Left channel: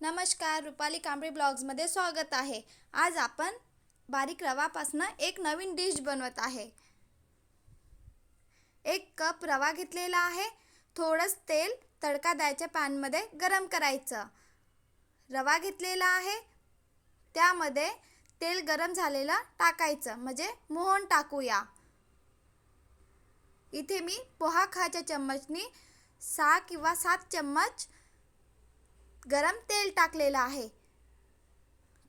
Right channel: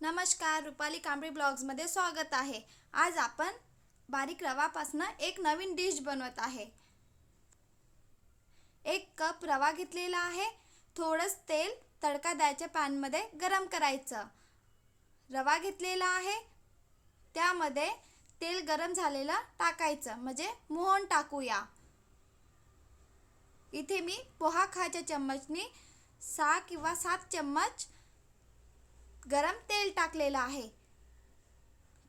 नमस्कार, रुपाली कांबळे ब्लॉग्समध्ये स्वागत आहे। आज आपण बारीक रवापासून एक नवीन डिश बनवत आहे। 1 कप रवा घेतलेला आहे। थोडंच तेल तडका द्यायच्या पॅनमध्ये गरम करायचं। रवा घेतलेला आहे, त्यामध्ये तेल गरम झालेलं टाकायचं, म्हणजे मोहन टाकूया। इथे मी पोहा खायच्या चम्मचनी 6 किंवा 7 चम्मच गरम तेल टाकलेलं आहे।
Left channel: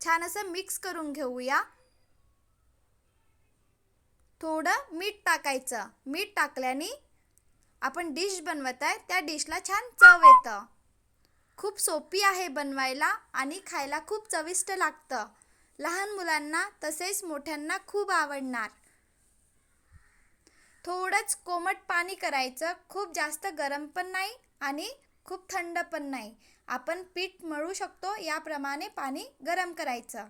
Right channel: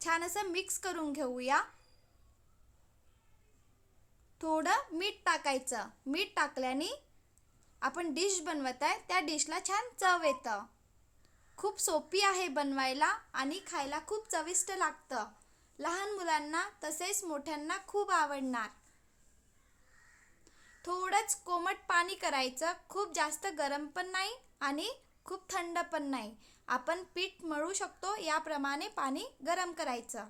छान असं मिक्स करून घेऊया। थोडं मीठ टाकायचं। मीठ टाकल्याने आपण डिश बनवत आहे त्या डिशला छान चव येतं। खूप सोपी आहे बनवायला आणि खायला खूप चविष्ट लागतं। लहान मुलांना तसेच मोठ्यांना खूप आवडणार। थोडंच कोमट पाणी करायचं, खूप जास्त गरम पण नाही आणि खूप थंड पण नाही। आपण पीठ मळू शकतो याप्रमाणे पाणी गरम करायचं।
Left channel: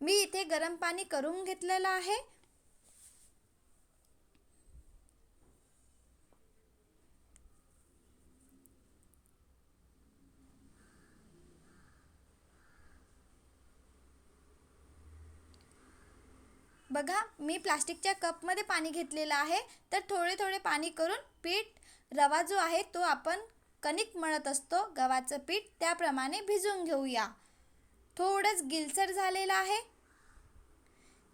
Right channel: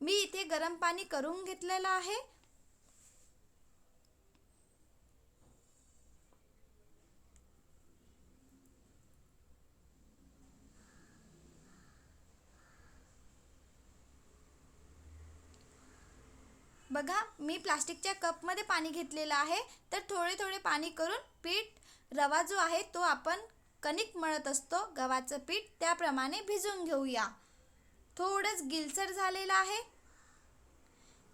मी इथे गरम पाणी करून घेतलेलं आहे। बघा, मी प्लास्टिकच्या कपमध्ये पाणी घेतलेलं आहे। तर थोडे थोडे पाणी करून पीठ रवा जो आहे तो आपण कणिक मळत असतो गव्हाचं पीठ, त्याप्रमाणे भिजवून घेऊया। थोडंच गिलसर झालेलं आहे।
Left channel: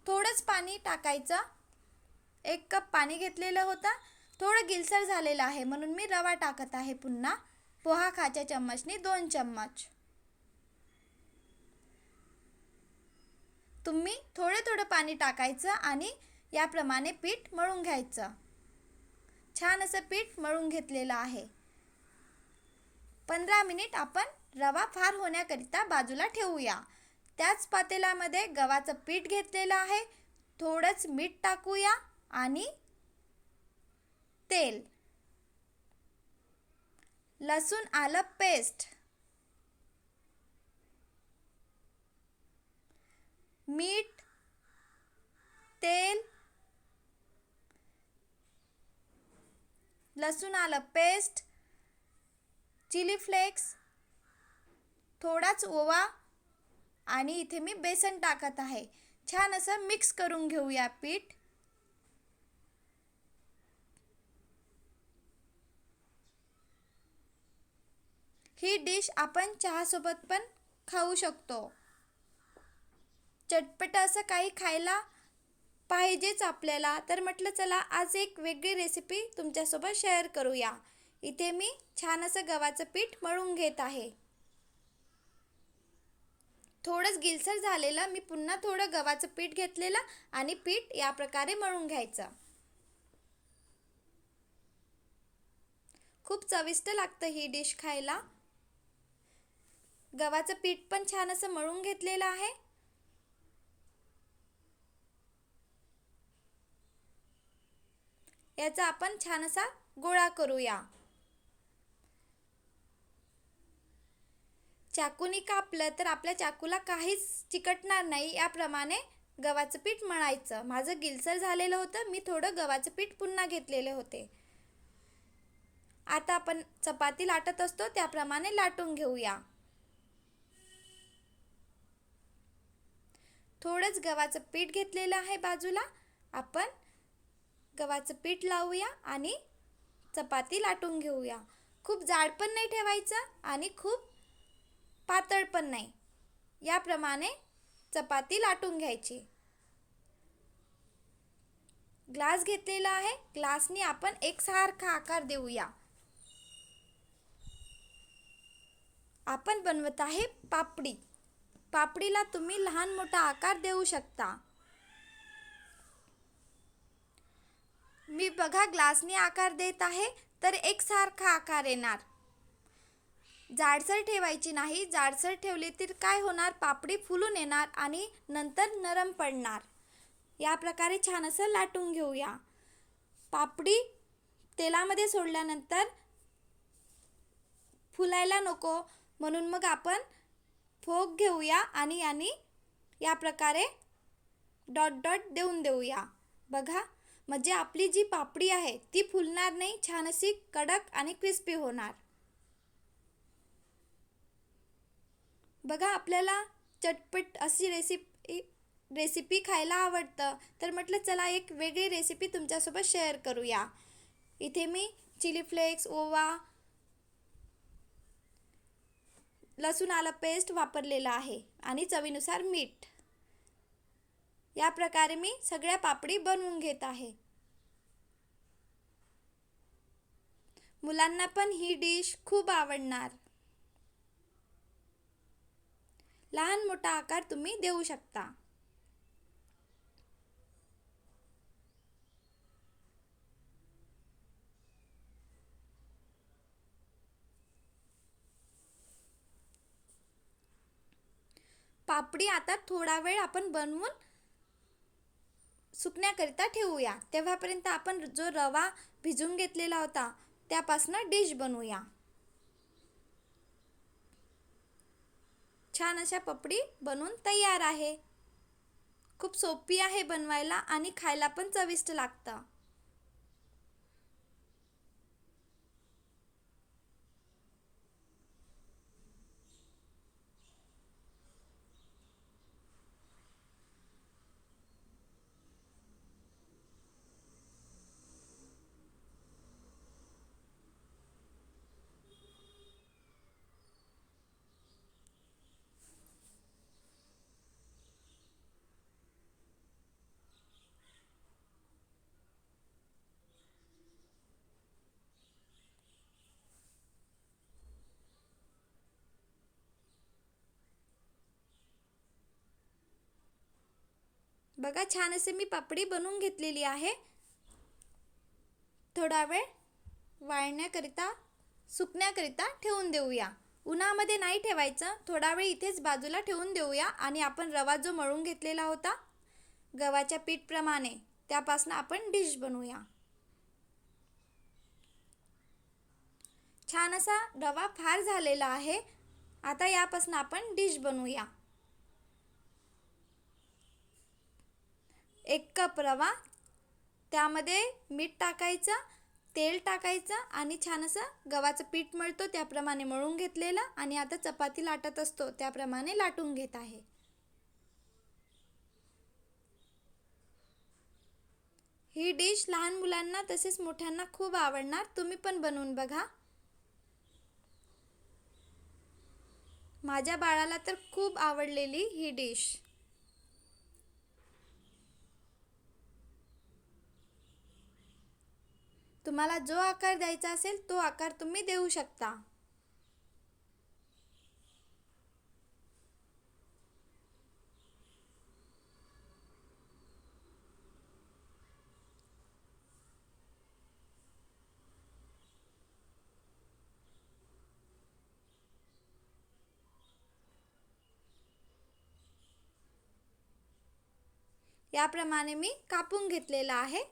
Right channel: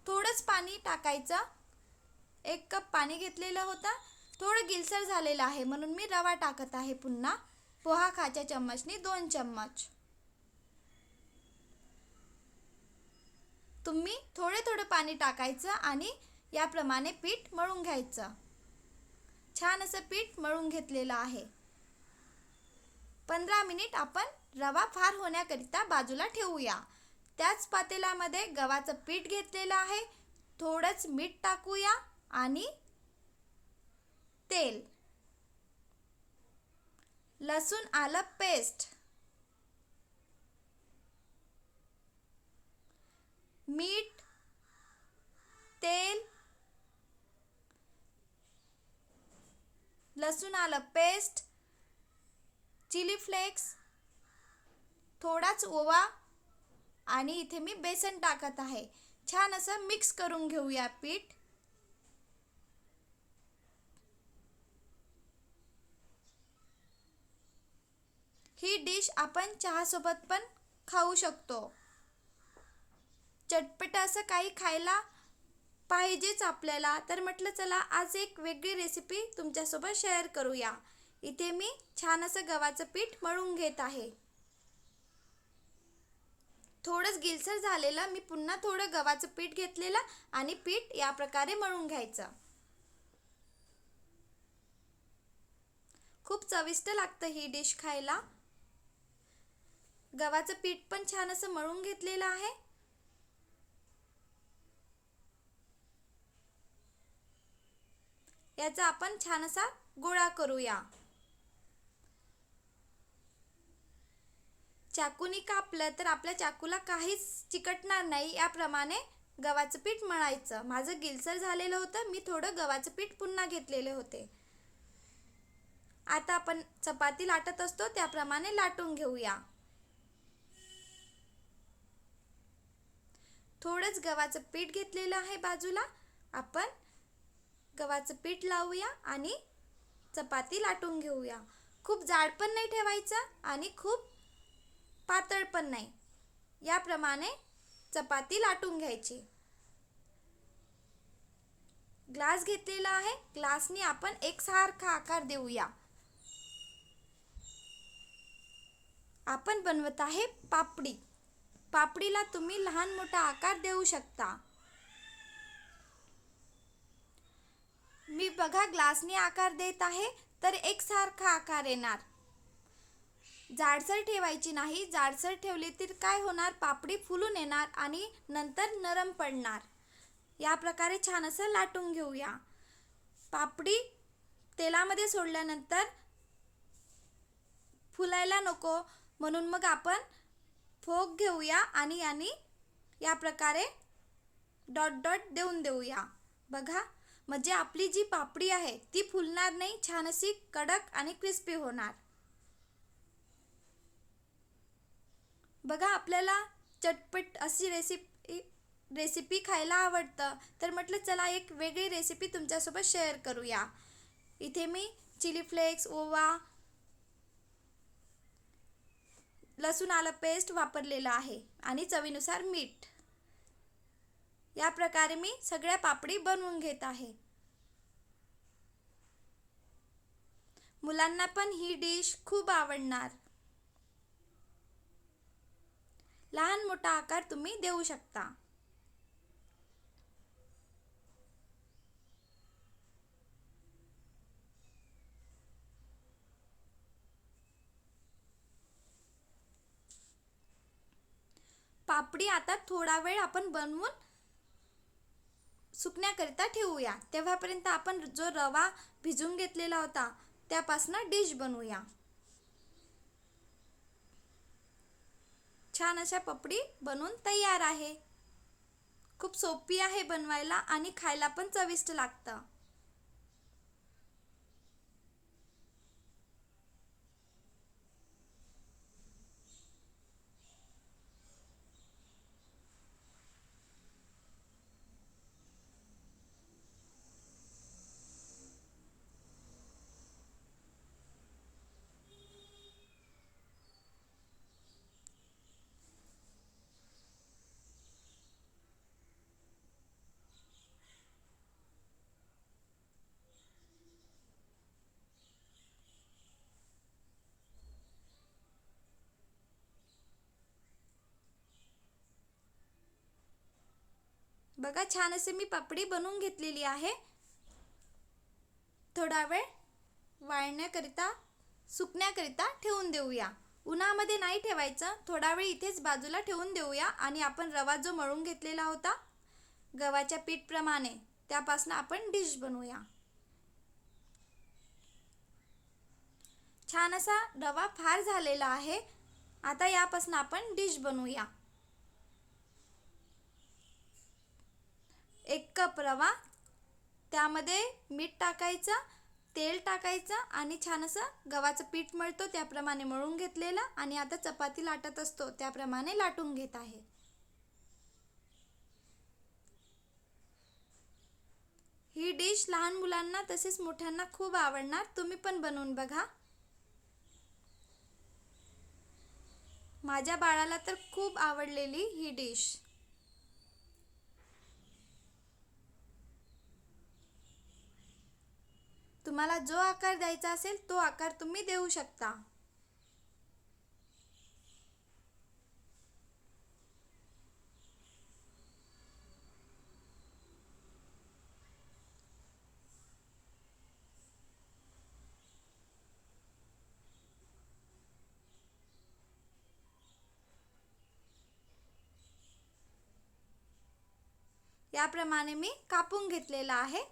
थोडंच पाणी टाकायचं। 1 कप पाणी घेतलेलं होतं, थोडं गिलसर झालेलं आहे म्हणून मी रवा टाकत आहे पुन्हा। पोहा खायच्या चम्मचनी 2 चम्मच। तुम्ही थोडे थोडे पाणी टाकायचं आणि याप्रमाणे पीठ मळून घ्यायचं। छान असं पीठ मळून घेतलेलं आहे। 15 मिनिट आपण रवा फार होण्याकरिता बाजूला ठेवूया। त्याच पातेल्यामध्ये गव्हाचं पीठ घेतलेलं आहे। थोडंच मीठ टाकूया आणि तेल, लसूण आलं पेस्ट, मीठ, तेल, लसूण आलं पेस्ट, चिली फ्लेक्स, थोडाच ओवा आणि इथे मी बेसन टाकत आहे। छान असं मिक्स करून घेऊया पीठ। ही डिश आपण चहासोबत पण खाऊ शकतो। चटपट असं काही खायला पाहिजेच आपल्याला, तर म्हटलं चला आज एक वेगळी रेसिपी तुमच्यासोबत शेअर करूया। इथे मी छान असं गव्हाचं पीठ मळून घेत आहे। थोडंच गिलसर झालेलं, मी पुन्हा थोडं गव्हाचं पीठ घेतलेलं आणि पीठ या प्रकारे मळून घ्यायचं। खूप चविष्ट लागतं ही डिश खायला। गव्हाचं पीठ पण छान असं मळून घेतलेलं आहे। याचा आपण छान असा गोळा करूया। चाकूनी कापलं तर आपल्या चाकूला काहीच चिकटणार नाही, याप्रमाणे गव्हाचं पीठ मळायचं। माझं गिलसर झालेलं होतं, मी थोडं गव्हाचं पीठ पुन्हा घेतलेले होते। आता आपण चपाती लाटत असतो त्याप्रमाणे लाटून घेऊया। थोडंच गव्हाचं पीठ घेतलेलं आहे बाजूला। आपण गव्हाचं पीठ लावूया आणि चपाती लाटून घेऊया। खूप जाड पण नाही ठेवायचं आणि खूप पातळ पण नाही, याप्रमाणे चपाती लाटून घ्यायची। ग्लास घेतलेला आहे, ग्लासनी आपण एकसारखा आकार देऊया। आपण बनवत आहे पापडी। पापडीला तुम्ही लहान मोठा आकार देऊ शकता। मी बघा ग्लासनी आकार देत आहे तर एकसारखा आकार येणार। जाडसर ठेवायची नाही, जाडसर ठेवली तर काय होणार, पापडी फुलून येणार आणि नंतर नरम पडणार। या प्रकारे छान असं लाटून घेऊया। पापडी तेलामध्ये सोडल्यानंतर फुलायला नको म्हणून मग आपण फोक घेऊया आणि या प्रकारे डॉट डॉट देऊन देऊया। बघा, म्हणजे आपली जी पापडी आहे ती फुलणार नाही, छान अशी कडक आणि क्रिस्पी होणार। बघा, आपल्याला चटपट अशी रेसिपी खायला आवडतं, तर म्हटलं चला एक वेगळी रेसिपी तुमच्यासोबत शेअर करूया. इथे मी चिली फ्लेक्स, ओवा, लसूण आलं पेस्ट वापरलेलं आहे आणि चवीनुसार मीठ. या प्रकारे मी सगळ्या पापडी बनवून घेत आहे. मुलांना पण ही डिश खूप आवडणार. लहान मोठा आकार तुम्ही देऊ शकता. पापडी आता थोडा वेळ आपण बनवून सुकण्याकरिता ठेवूया. तेव्हापर्यंत आपण जो रवा भिजून घेतलेला होता त्यापासून डिश बनवूया. छान अशा पापडी बनवून तयार आहे. खूप सोपी आहे बनवायला आणि खायला पण चविष्ट लागतं. बघा, छान असे मी पापडी बनवून घेतलेली आहे. थोडा वेळ वाळण्याकरिता सुकण्याकरिता ठेवून देऊया. उन्हामध्ये नाही ठेवायचं, थोडा वेळ इथेच बाजूला ठेवून देऊया. आणि आपण रवा जो मळून घेतलेला होता गव्हाच्या पीठप्रमाणे, त्यापासून आपण डिश बनवूया. छान असा रवा फार झालेला आहे. आता यापासून आपण डिश बनवूया. 1 कप रवा, त्यामध्ये मीठ टाकायचं, तेल टाकायचं आणि छान असं गव्हाचं पीठ मळतो त्याप्रमाणे मळून घेतलेलं आणि आता चपाती लाटत असतो त्याप्रमाणे लाटून घेत आहे. ही डिश लहान मुलांना तसेच मोठ्यांना खूप आवडणार. तुम्ही पण बनवून बघा. माझ्या बाळाला तर खूप आवडलेली ही डिश. तुम्हाला जो आकार द्यायचा असेल तो आकार तुम्ही देऊ शकता. याप्रमाणे मी कापून घेतलेला आहे.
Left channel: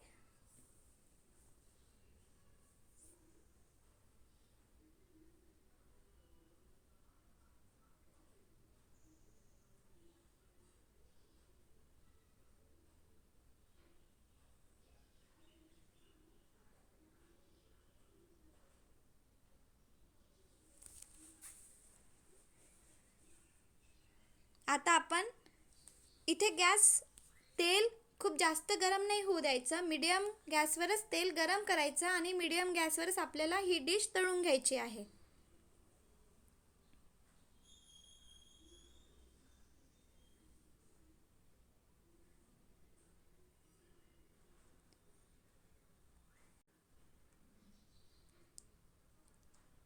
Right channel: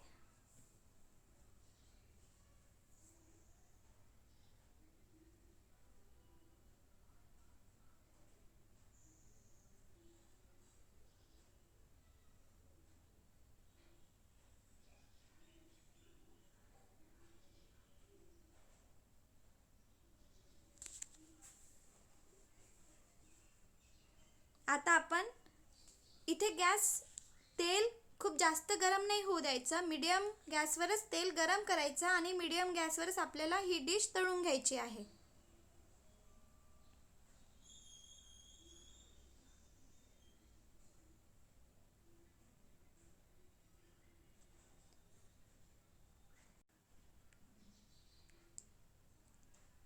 आता आपण इथे तेल खूप जास्त गरम नाही होऊ द्यायचं. मीडियम गॅसवरच तेल गरम करायचं आणि मीडियम गॅसवरच आपल्याला ही डिश तळून घ्यायची आहे.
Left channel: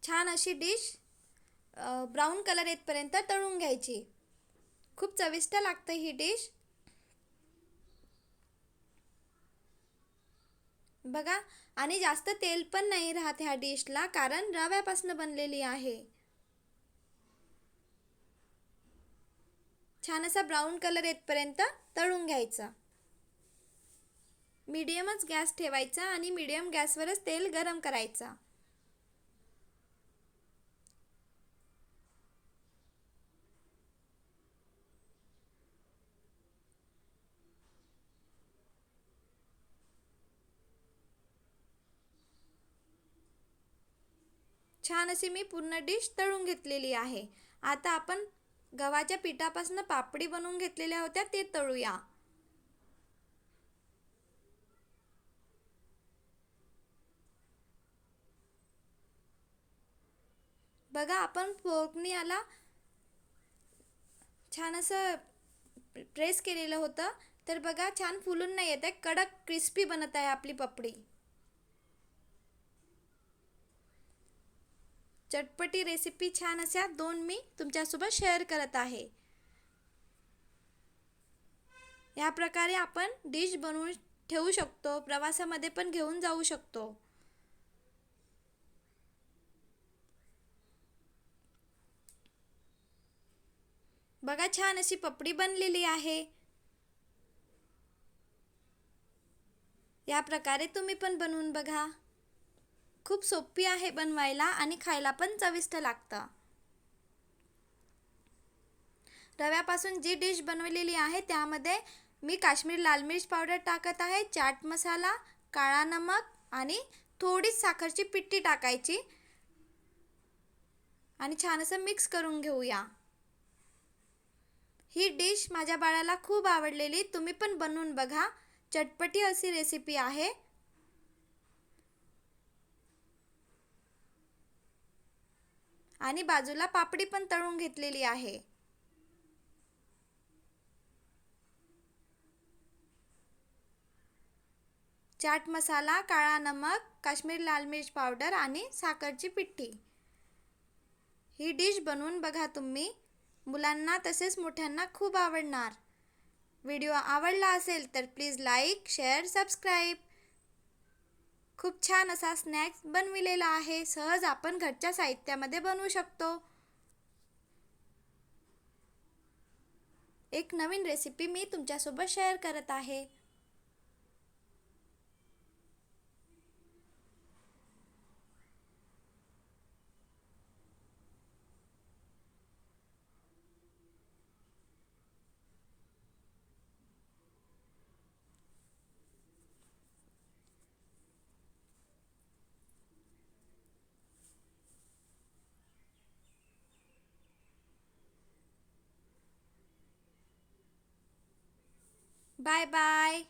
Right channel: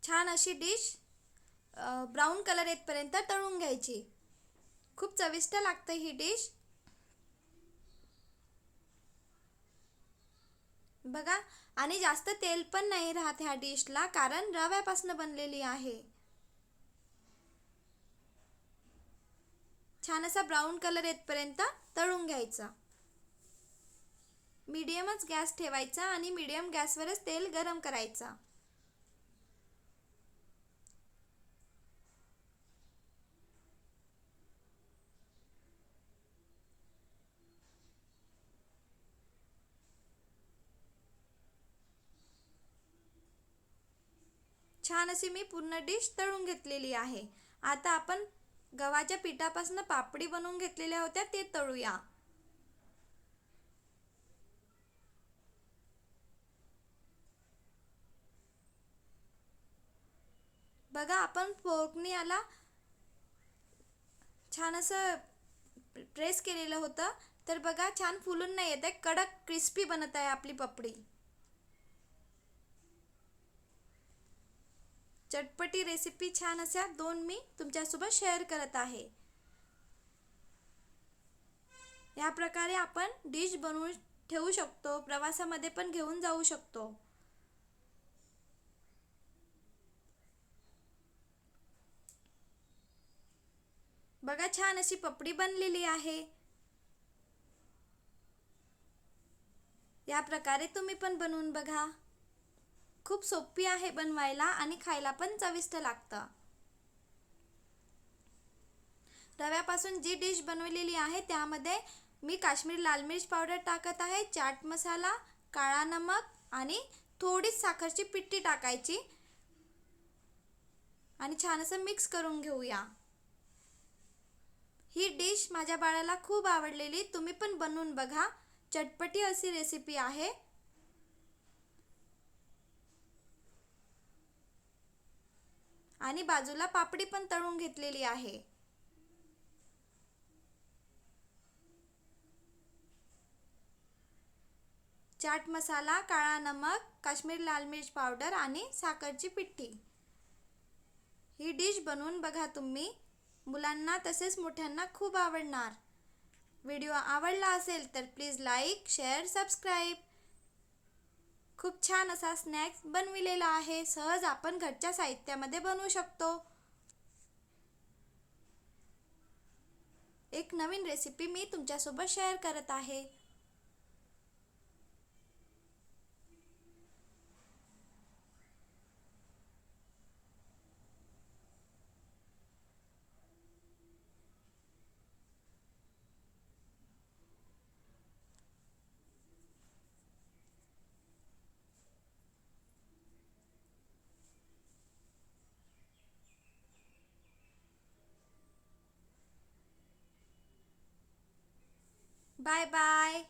छान अशी डिश ब्राऊन कलर येतपर्यंत तळून घ्यायची. खूप चविष्ट लागते ही डिश. बघा, आणि जास्त तेल पण नाही राहत ह्या डिशला, कारण रव्यापासून बनलेली आहे. छान असा ब्राऊन कलर येतपर्यंत तळून घ्यायचा. मीडियमच गॅस ठेवायचा आणि मीडियम गॅसवरच तेल गरम करायचा. छान अशी मी पूर्ण डिश तळून घेतलेली आहे. आता आपण गव्हाच्या पिठापासून पापडी बनवून घेतलेल्या होत्या ते तळूया. बघा आपण फोर्कनी याला छान असं प्रेस केलेलं होतं, तर बघा छान फुलून नाही येत आहे, कडक क्रिस्पी बनत आहे आपली पापडी. चटपटी रेसिपी छान अशा 2 मी तुमच्यासोबत शेअर करत आहे. या प्रकारे आपण डिश बनवून ठेवू शकतो, प्रवासामध्ये पण घेऊन जाऊ शकतो. बघा छान अशी पापडी बनलेली आहे. या प्रकारे तुम्ही पण बनवून बघा. खूप सोपी आहे बनवायला आणि खायला पण चविष्ट लागतं. रव्यापासून जी डिश बनवलेली आहे त्यामध्ये मी काश्मीरी लाल मिर्च पावडर टाकत आहे, चाट मसाला, काळा नमक आणि थोडीच साखरची पिठी टाकायची आणि छान असं मिक्स करून घेऊया. ही डिश माझ्या बाळाला खूप आवडलेली, तुम्ही पण बनवून बघा. चटपटी अशी रेसिपी आहे. आणि बाजूला पापडी पण तळून घेतलेली आहे. चाट मसाला, काळा नमक, काश्मीरी लाल मिर्च पावडर आणि साखरची पिठी. ही डिश बनवून बघा तुम्ही. मुलांना तसेच मोठ्यांना खूप आवडणार. व्हिडिओ आवडला असेल तर प्लीज लाईक, शेअर, सबस्क्राईब. खूप छान असा स्नॅक्स बनविलेला आहे. सहज आपण घरच्या साहित्यामध्ये बनवू शकतो. एक नवीन रेसिपी मी तुमच्यासोबत शेअर करत आहे. Bye bye.